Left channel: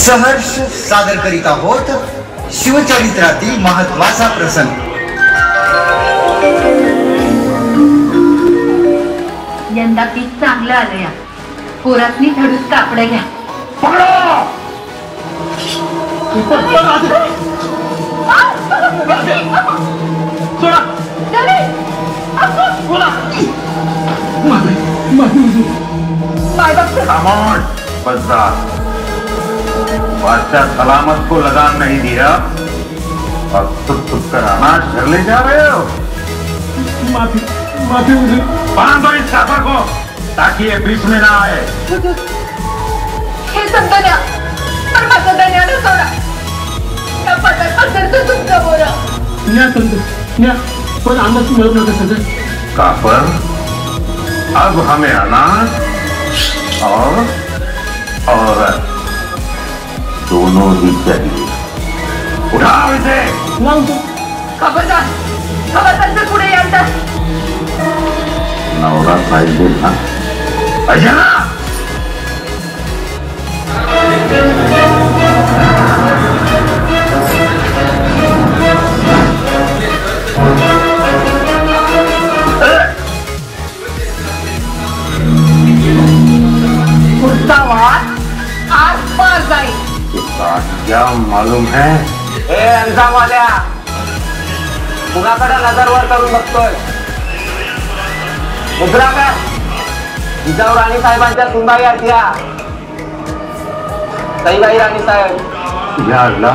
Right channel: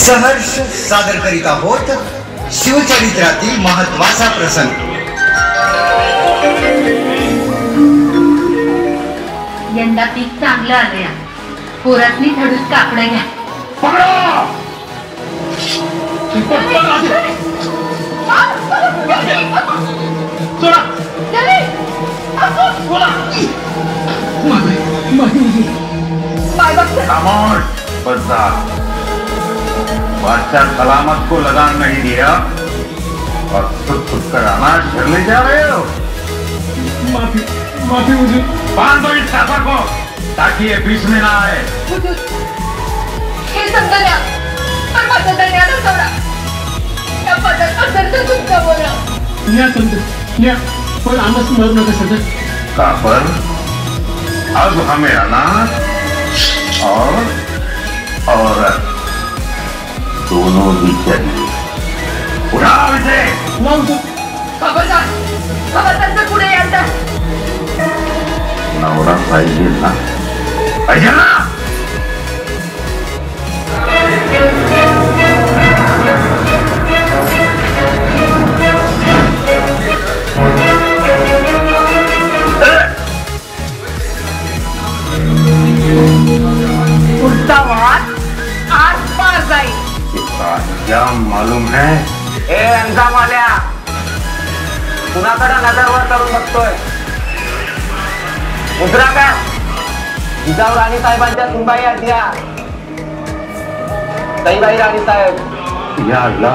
सहर्ष सादर करीत आहोत शिवचरित्रातील महत्वाचा प्रसंग। यंदा पीक चांगलं आलंय, पोरातनी थोडीच कापडे घ्या। बादशाह सलामत को लगाम नहीं दिया और खुद कर अनाज घर ले जा रहे हो। माफी माफी हुजूर। बांध दो इस चादर को ताकि ये बीच में ना आए। हे संतल्या, पर माझा दण्याला सोडा। पदर तुमचा बोला। न्या संत, न्या, पण आम्हाला मत नका संत। कापर, अब हमें अनाज और औरत दोनों ही चाहिए। उठाओ इसे। खबरदार, खबरदार पुढे यायचं। नवरा पाहिजे ना, पाहिजे ना। क्या मालूम है? अंजाम वाल्या कुणाकडे नजरवर करून बघतोय? मुद्रा काय जिजाऊ राणी साहेबांच्या सुनबाई आहेत या ताईबाई राणी साहेब। या अल्लाह,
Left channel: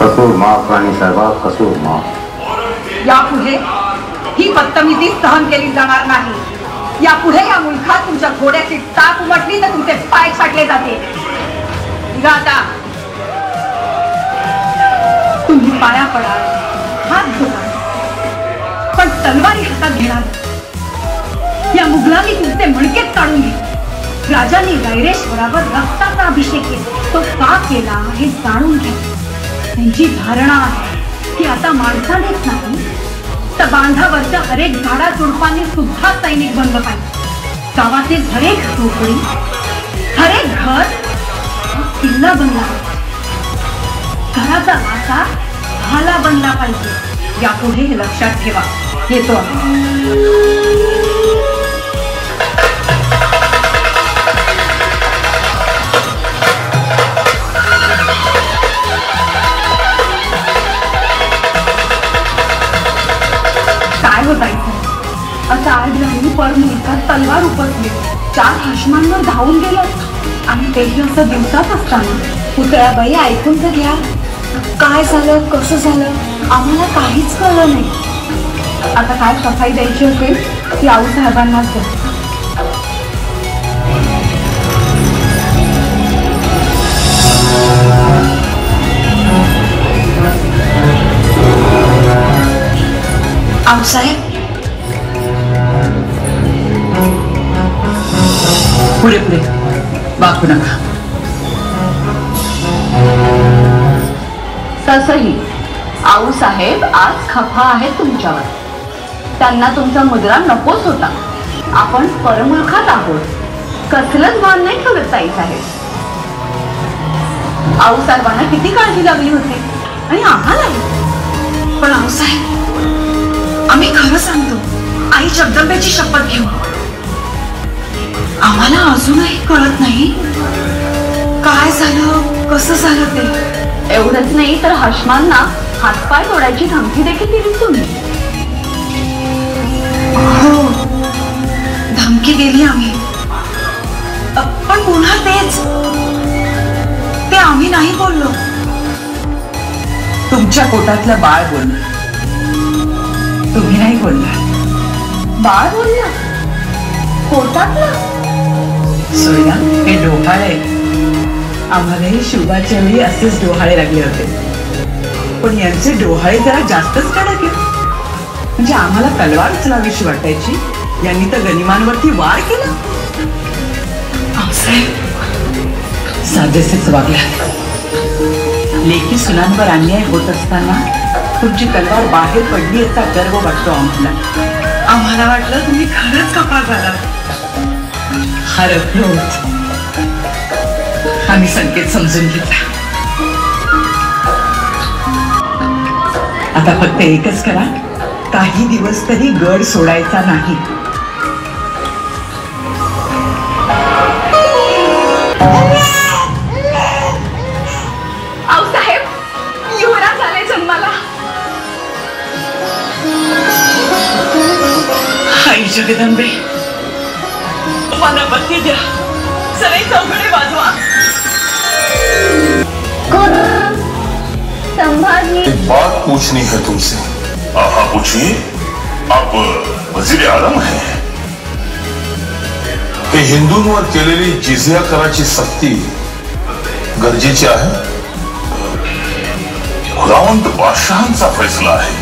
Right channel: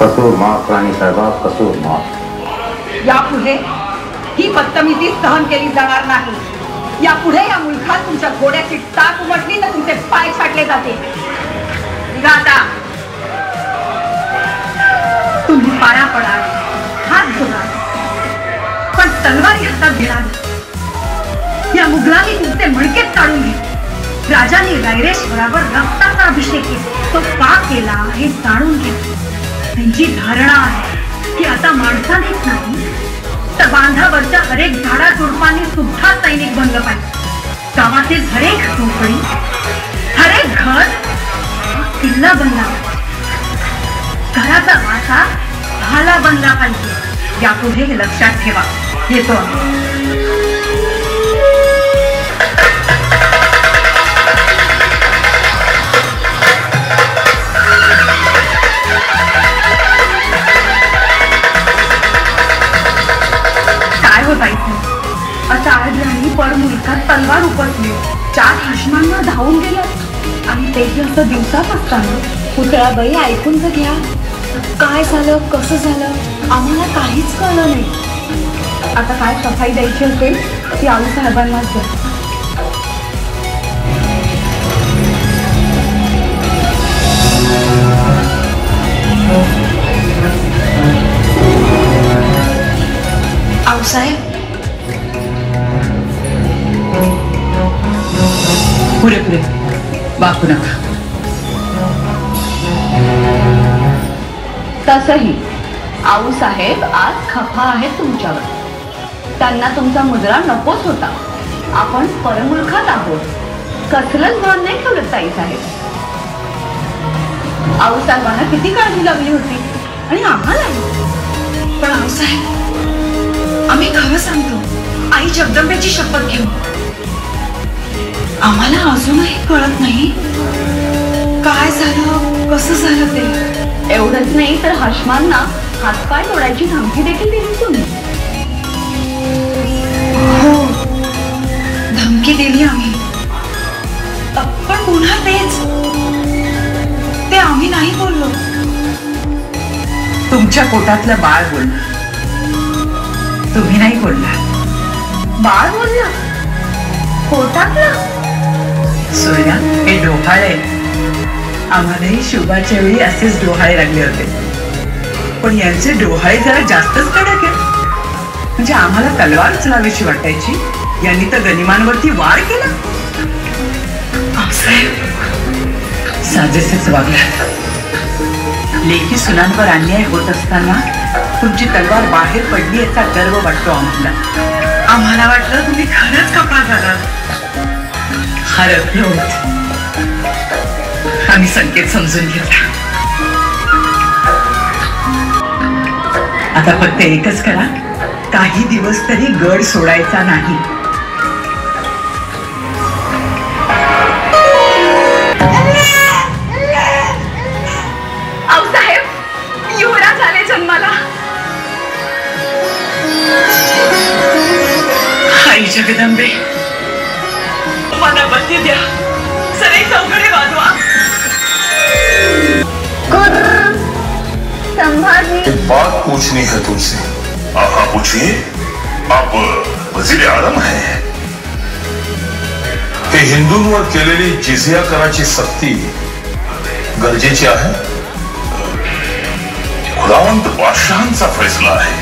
कसो माफ राणी साहेबा, कसो माफ। यापुढे ही बदतमीजी सहन केली जाणार नाही। यापुढे या मुलखात तुमच्या घोड्याची टाक उमटली तर तुमचे पाय छाटले जाते। आता तुम्ही पाया पडा, हात धरा, पण तलवारी हातात घेणार। या मुघलांनी तुमचे मुळकेच काढून घेतले। राजाने वैरेश्वरावर रक्ताचा अभिषेक केला, तो का केला हे जाणून घ्या। त्यांची धारणा आहे की आता माणसानेच नाही तर बांधावरच्या हरेक झाडा झुडपांनी सुद्धा सैनिक बनलं पाहिजे। गावातील हरेक झोपडी, हरेक घर किल्ला बनला, घराचा वासा भाला बनला पाहिजे। यापुढे हे लक्षात ठेवा। येतो काय हो पाहिजे आता आज राणी परमुळीचा तलवार उपसली, 4 हशमांवर धावून गेलं आणि तेही असं दिवसात असताना। पुतळाबाई ऐकून तर घ्या, काय झालं कसं झालं आम्हाला काहीच कळलं नाही। आता काय सफाई द्यायची असेल ती आऊ साहेबांना असेल। आऊ साहेब, पुढे पुढे वाकू नका। तसही आऊ साहेब आज खफा आहे तुमच्यावर। त्यांना तुमचा मुद्रा नकोच होता। आपण परमुलखात आहोत, कसलंच भान नाही ठेवलं ताई साहेब। आऊ साहेबांना किती काळजी लागली होती आणि आम्हालाही। पण आऊ साहेब, आम्ही खरं सांगतो, आई जगदंबेची शपथ घेऊ, आम्हाला अजूनही कळत नाही काय झालं कसं झालं ते। एवढंच नाही तर हशमांना हातपाय तोडायची धमकी देखील दिली तुम्ही। हो, धमकी दिली आम्ही, पण पुन्हा तेच, ते आम्ही नाही बोललो। तुमच्या पोटातलं बाळ बोल, तुम्ही नाही बोलला। बाळ बोललं? पोटातलं? सोया, हे डोहाळे आम्हालाही शुभाच्या वेळी असेच डोहाळे लागले होते, पण यांचे डोहाळे जरा जास्तच कडक आहे। म्हणजे आम्हाला तलवार चलावीशी वाटायची, यांनी तर गनिमांवरती वार केला। साजेसेच वागला। लेकी सुनांवर अन्याय होत असताना तुमची तलवार बाहेर पडली याचा गर्व वाटतो आम्हाला। आम्हाला वाटलं तुम्ही खरंच कपाळ झालात। हरपलो आम्ही संकेत समजून घेतला. आता फक्त एकच करा, काही दिवस तरी गड सोडायचा नाही. युवराज आले जन्माला. आई जगदंबे, मला बत्ती द्या, सगळे चौघडे वाजवा. एक बात पूछनी है तुमसे. हाँ पूछिए. आप वजीर आलम है. हे हिंदूंवर केलेली जिझिया कराची सक्ती गरजेची आहे. खुदावंत बादशाहांचा फैसला है,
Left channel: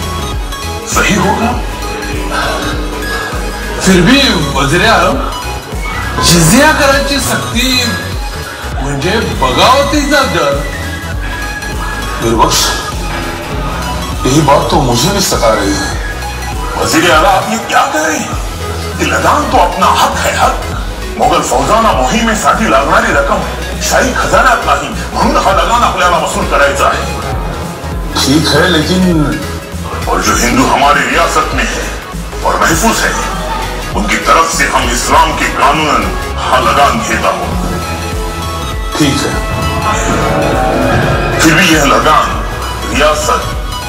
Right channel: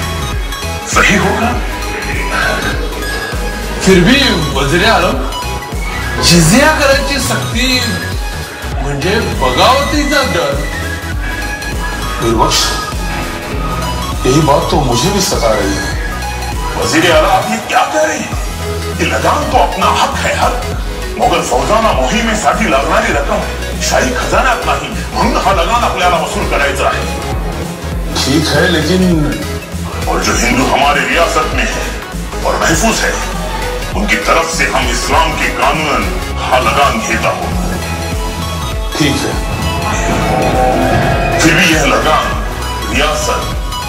सही होगा. फिर भी वजीर आलम, जिझिया कराची सक्ती म्हणजे बगावतीचा दर. निर्बक्ष, यही बात तो मुझे भी सता रही है. वजीर आला, आप ये क्या कह रहे हैं? ये लगान तो अपना हक है, हक. मोगल फौजांना मोहिमेसाठी लागणारी रक्कम शाही खजान्यात नाही, म्हणून हा लगान आपल्याला वसूल करायचा है. ठीक है, लेकिन और जो हिंदू हमारे रियासत में है और महफूज है, उनकी तरफ से हम इस्लाम के कानून हा लगान घेता हूं. ठीक है. फिर भी यह लगान रियासत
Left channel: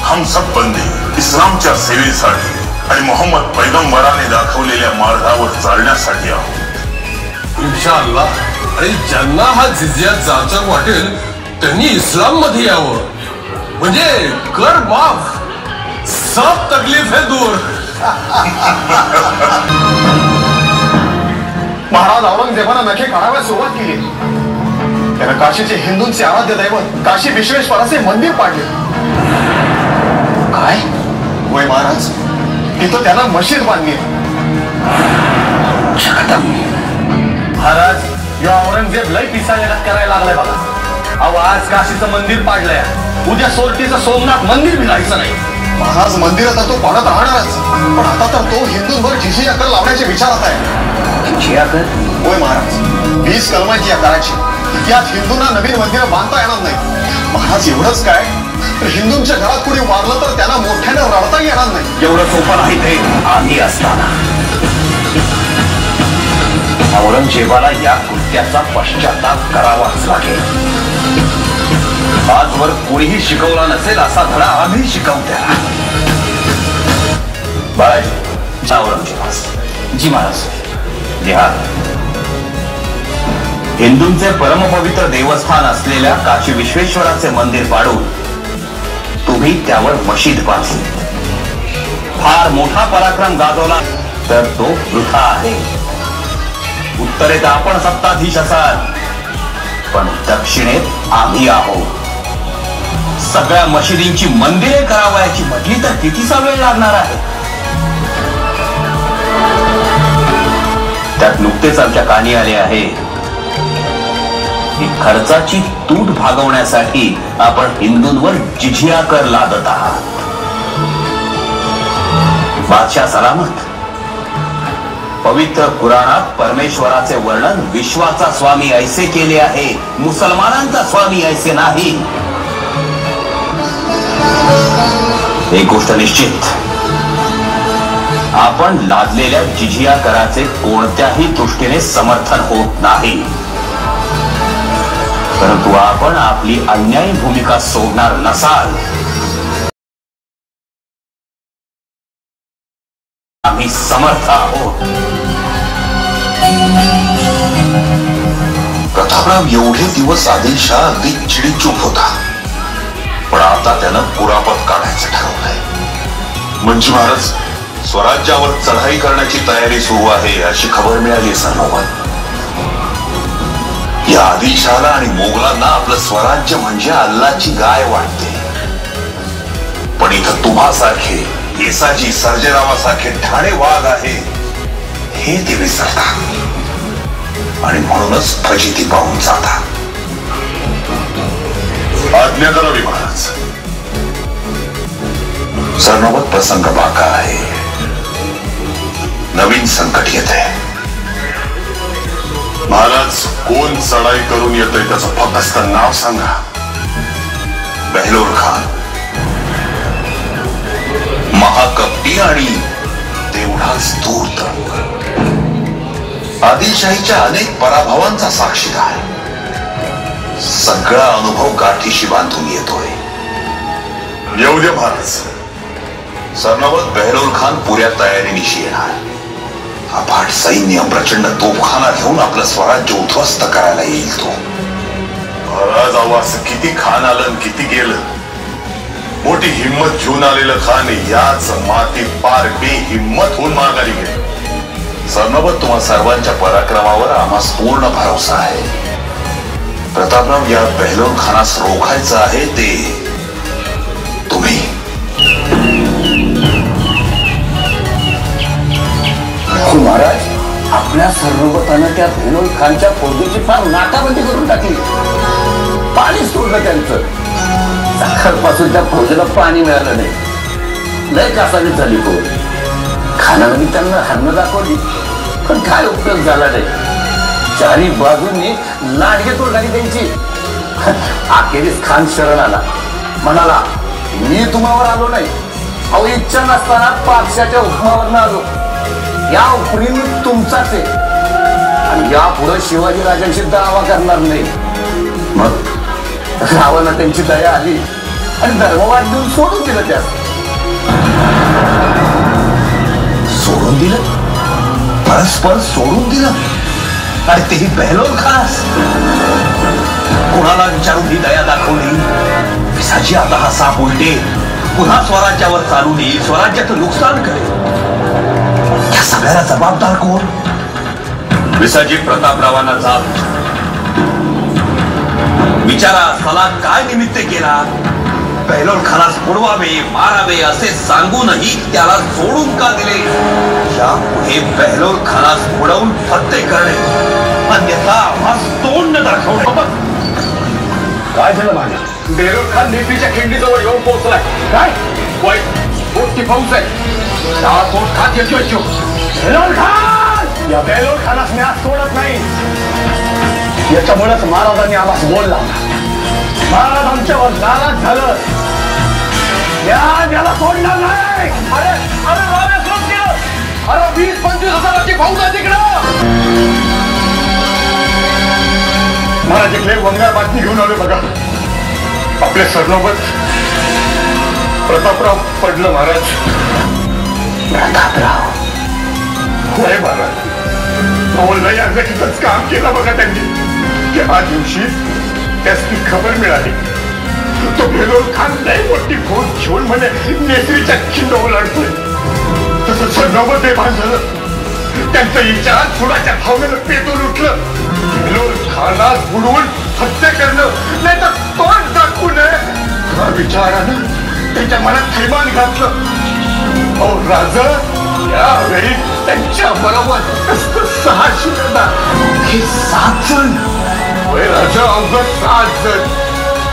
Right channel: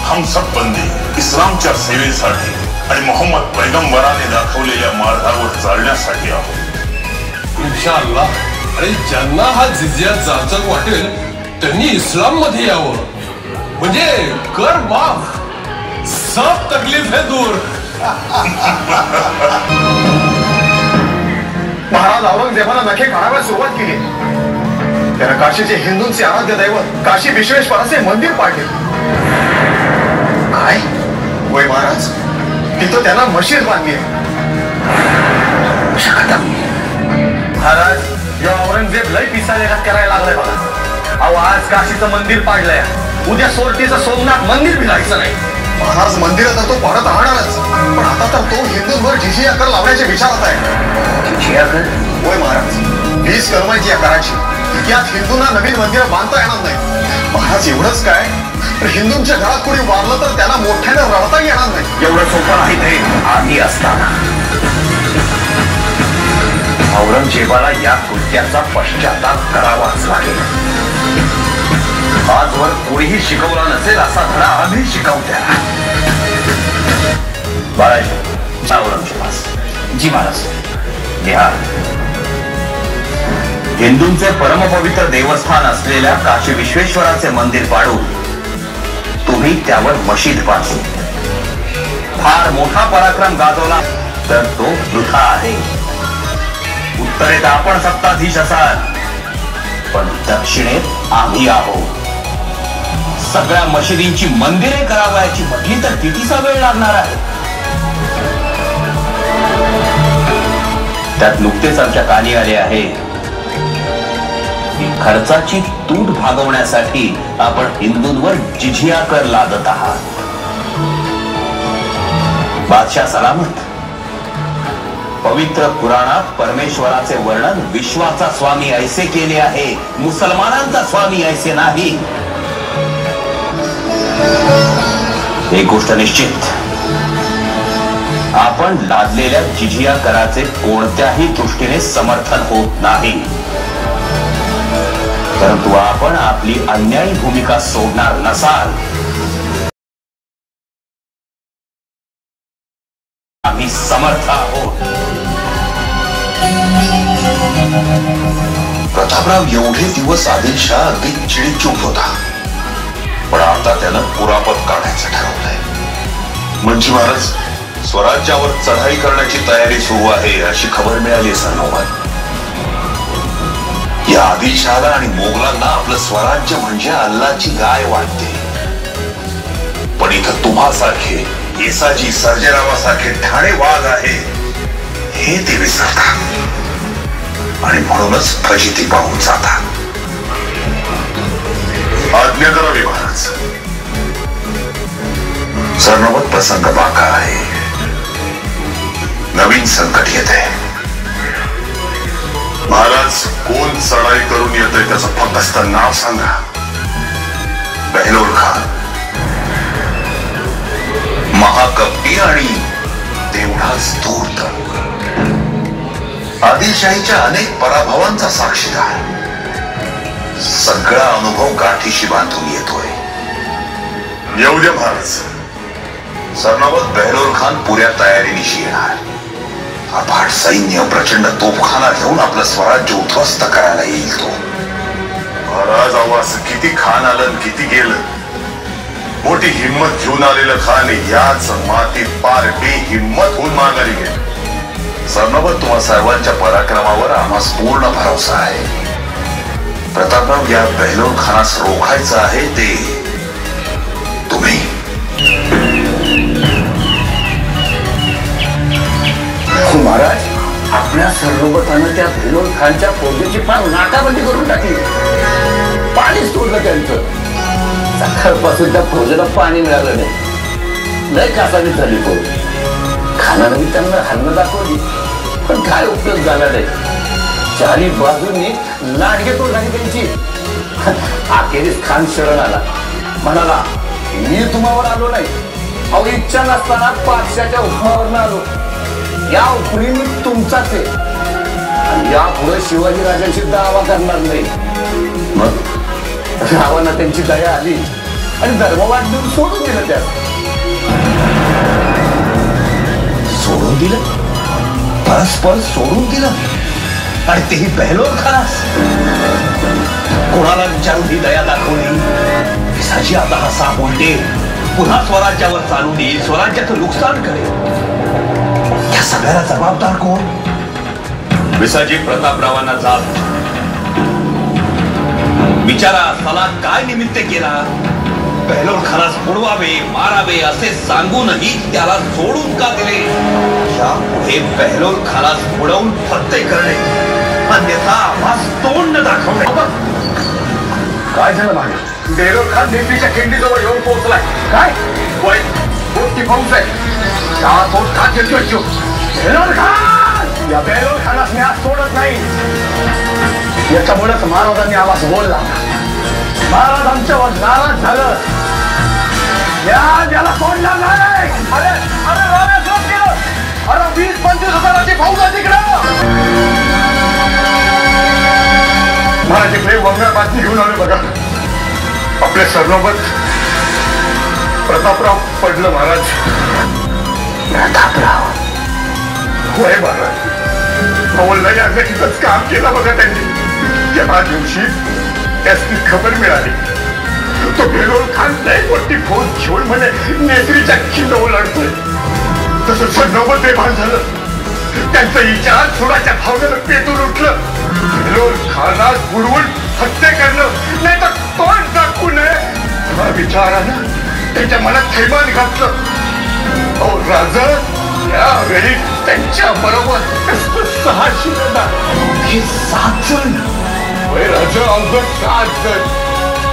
हम सब बंदे इस्लामच्या सेवेसाठी आणि मोहम्मद पैगंबराने दाखवलेल्या मार्गावर चालण्यासाठी आहोत. इंशाअल्लाह. आणि ज्यांना हा जिझिया जाचक वाटेल त्यांनी इस्लाम मध्ये यावं, म्हणजे कर माफ, सब तकलीफ है दूर. महाराज औरंगजेबानं नखे काढायला सुरुवात केली. त्यानं काशीचे हिंदूंचे आराध्य दैवत काशी विश्वेश्वराचे मंदिर पाडले. काय वय महाराज, तिथं त्यानं मशीद बांधली. महाराज, या औरंगजेब लय पिसाळ्यात करायला लागलाय बघा. अहो, आज काशीचं मंदिर पाडलंय, उद्या सोरतीचं सोमनाथ मंदिर मिळायचं नाही. महाराज, मंदिरात तो पाडत राहणारच, पण आता तर तो हिंदूंवर जिझिया कर लावण्याच्या विचारात आहे. जिझिया कर? होय महाराज, 20 कलमाची या कराची. यात हिंदूंना नवीन मंदिर बांधता येणार नाही. महाराज, एवढंच काय, हिंदूंच्या घरात कोणी वारलं तर त्यांना मोठ्याने रडता येणार नाही. एवढं सोपं नाही ते. आधी असताना औरंगजेबाला या कृत्याचा पश्चाताप करावाच लागेल. आजवर कोणीही शिकवला नसेल असा धडा आम्ही शिकवत्या. औरंगजेबास. जी महाराज. बिहार हिंदूंचं परमपवित्र देवस्थान असलेल्या काशी विश्वेश्वराचे मंदिर पाडून तुम्ही त्यावर मशीद बांधून फार मोठा पराक्रम गाजवला तर तो वृथा आहे. उत्तरेत आपण सत्ताधीश असाल, पण दक्षिणेत आम्ही आहोत. सगळ्या मशिदींची मंदिरे करावयाची म्हटली तर कितीचा वेळ लागणार आहे. त्यात नुकतेच आमच्या कानी आले आहे की खर्चाची तूट भागवण्यासाठी आपण हिंदूंवर जिझिया कर लादत आहात. बादशाह सलामत. पवित्र पुराणात परमेश्वराचे वर्णन विश्वाचा स्वामी ऐसे केले आहे, मुसलमानांचा स्वामी ऐसे नाही. एक गोष्ट निश्चित, आपण लादलेल्या जिझिया कराचे कोणत्याही दृष्टीने समर्थन होत नाही. परंतु आपण आपली अन्यायी भूमिका सोडणार नसाल. आम्ही समर्थ आहोत. प्रतापराव एवढे दिवस आदिलशाह अगदी चिडीचूप होता, पण आता त्यानं पुरापत काढायचं ठरवलंय. म्हणजे महाराज, स्वराज्यावर चढाई करण्याची तयारी सुरू आहे अशी खबर मिळाली सर्वांना. या आदिलशाहला आणि मोगलांना आपलं स्वराज्य म्हणजे अल्लाची गाय वाटते. पण इथं तुम्हासारखे येसाजी सर्जेरावासारखे ठाणे वाघ आहे हे ते विसरतात आणि म्हणूनच फजिती पाहून जातात. आज्ञा करावी महाराज. सर्ववत प्रसंग बाका आहे. नवीन संकट येत आहे. महाराज कोण चढाई करून येतोय त्याचं फक्त नाव सांगा. बेहलोर खान महाकपटी आणि तेवढाच धूर्त, आदिलशाहीच्या अनेक पराभवांचा साक्षीदार. सगळा अनुभव गाठीशी बांधून येतोय. येऊ दे महाराज. सरनोबत बेहलोर खान पुऱ्या तयारीनिशी येणार. अफाट सैन्य, प्रचंड तोफखाना घेऊन आपलं स्वराज्य उद्ध्वस्त करायला येईल तो. महाराज अहो, असं किती खान आलं किती गेलं. मोठी हिंमत घेऊन आलेलं खान याच मातीत पार हिंमत होऊन मारणारी गेली. सरनोबत तुम्हा सर्वांच्या पराक्रमावर आम्हास पूर्ण भरोसा आहे. प्रतापराव, या बेहलोर खानास रोखायचं आहे ते तुम्ही. महाराज, आपल्या सरनोबतानं त्या बेहलोर खानच्या फौजेची फार नाकाबंदी करून टाकली. पाणीच तोडलं त्यांचं. सकाळपासून त्या फौजेला पाणी मिळालं नाही. लय कासावी झाली तो. खानामध्ये त्यांना हन्न दाखवली, पण काय उपयोग झाला नाही. चारी बाजूंनी लाडगेतोड झाली त्यांची. अखेरीस खान शरण आला. म्हणाला, मी तुम्हावर आलो नाही, अहो इच्छा नसताना पाक्षाच्या हुकमावर आलो. या हुकमी मी तुमचाच आहे आणि यापुढे शिवाजी राजांशी दावा करणार नाही. मग रावांना त्यांची दया आली आणि धर्मवाद देऊन सोडून दिलं. त्या सोडून दिलं, परस्पर सोडून दिलं, आणि तेही बेहलोर खानास. कोणाला विचारून ही दया दाखवली? विसाजी आता हा साप उलटे पुन्हा स्वराज्यावर चालून येईल, स्वराज्याचं नुकसान करेल. या सगळ्याला जबाबदार कोण? विसाजी प्रतापरावांना जाब विचारा, सलाम काय निमित्त केला? बेहलोर खानास बुडवावे, मारावे असे सांगूनही त्याला सोडून का दिले? यापुढे बेहलोर खानास बुडवून हत्या करणे, अन्यथा आम्हास तोंड दाखवणे. काय झालं मागे? बेहलोर खान दिल्लीच्या खिंडीजवळ येऊन पोहोचलाय. काय वाईट मोठी फौज आहे. बेहलोर खान, या बेहलोर खानास मी आज सोडत नाही. याच्यामुळेच महाराजांनी आवाज बोलला. महाराज आमच्यावर नाराज झालं. याला सोडणार नाही. अरे 20-25 हजाराची फौज आहे तिकडं. महाराज वंगा बातमी घेऊन आले बघा. आपल्या सरनोबत प्रतापराव पडलं. महाराज प्रतापराव होय महाराज. अवलबाई अर्धकीतच काम केलं बघा त्यांनी. तेव्हा दिवशी त्याची खबर मिळाली. तो बेहलोर खान नाही मोठी फौज घेऊन म्हणे नेत्रीच्या किल्ल्यावर लढतोय. तसं सरनोबत बेभान झालं. त्यांचा विचार थोडाच्या भावनेनं पेटून उठलं. बेहलोर खानास बुडवून हत्या करणं नाही तर तोंड दाखवू नये या विचारानं त्यांच्या मनात थैमान घातलं. अहो राजा, यावेळी त्यांच्या बरोबर 600 हे 7 जण. राजा अवघड 7 जण.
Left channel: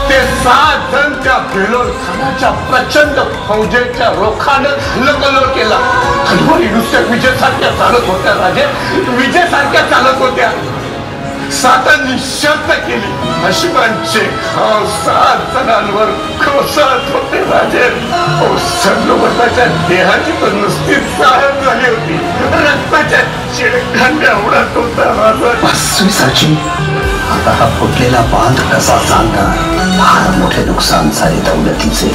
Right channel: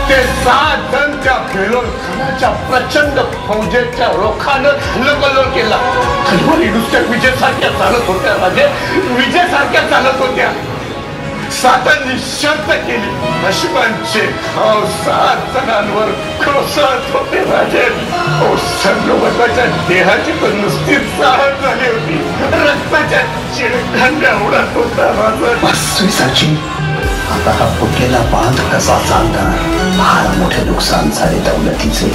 ते 7 जण त्या बेहलोर खानाच्या प्रचंड फौजेच्या रोखानं लकलोर केला. खलबली नुसत्या विजेसारख्या चालत होत्या. राजे विजेसारख्या चालत होत्या. सातांनी शर्त केली. अश्वांचे खाव 7 जणांवर कोसळत होते. राजे सरनोबताच्या देहाची तर नुसती चाळत झाली होती. रक्ताच्या चिळकांड्या उडत होता. राजा आता हा फुटलेला बांध कसा चालणार? फार मोठे नुकसान झाले दौलतीचे.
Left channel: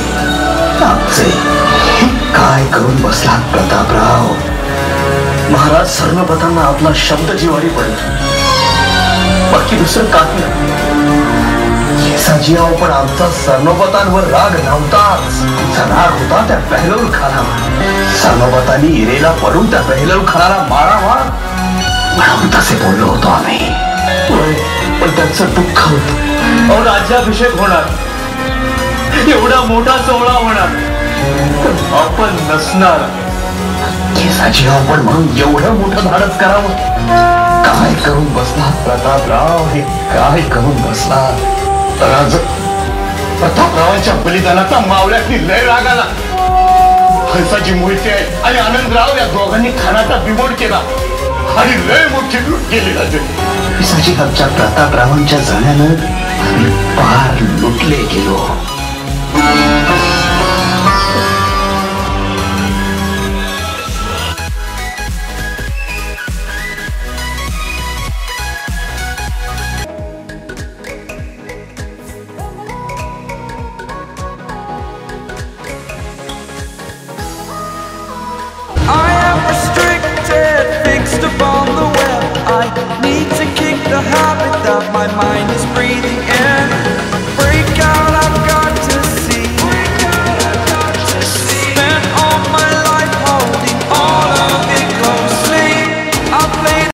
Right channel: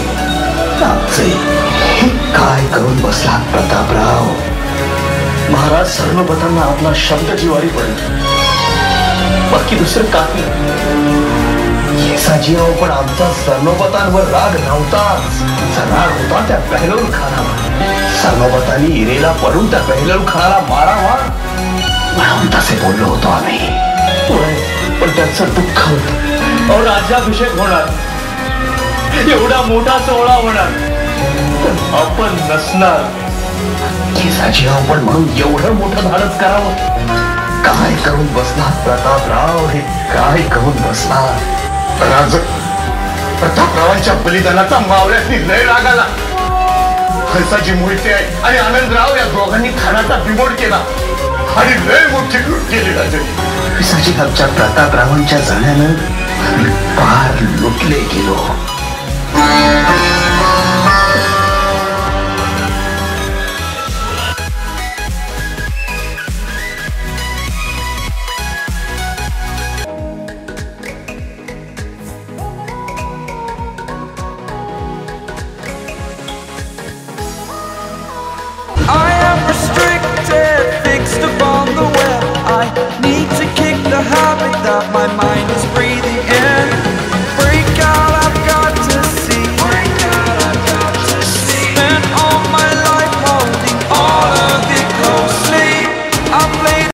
काय करून बसला प्रतापराव? महाराज सरनोबतांना आपला शब्द जिवारी पडला. बाकी दुसरं काही येसाजी आहो, पण आमचा सरनोबतांवर राग नव्हताच. राग होता त्या बेहलोर खानावर. सरनोबतांनी इरेला पडून त्या बेहलोर खानाला मारावा म्हणून तसे बोललो होतो आम्ही. पण त्यांचं दुःख होतं. राज्याभिषेक होणार, एवढा मोठा सोहळा होणार, पण आपण नसणार. येसाजी आहो, पण म्हणून एवढं मोठं धाडस करावं? काय करून बसला प्रतापराव? हे काय करून बसला? राज प्रतापरावांच्या बलिदानाचा मावळ्यातली लय राग आला. हंसाजी मोहिते आणि आनंदराव या दोघांनी खानाचा बिमोड केला. आणि लय मोठी लूट केली राजे. पिसाजीबाबच्या प्रतापरावांच्या जाण्यानं पार लुटले गेलो.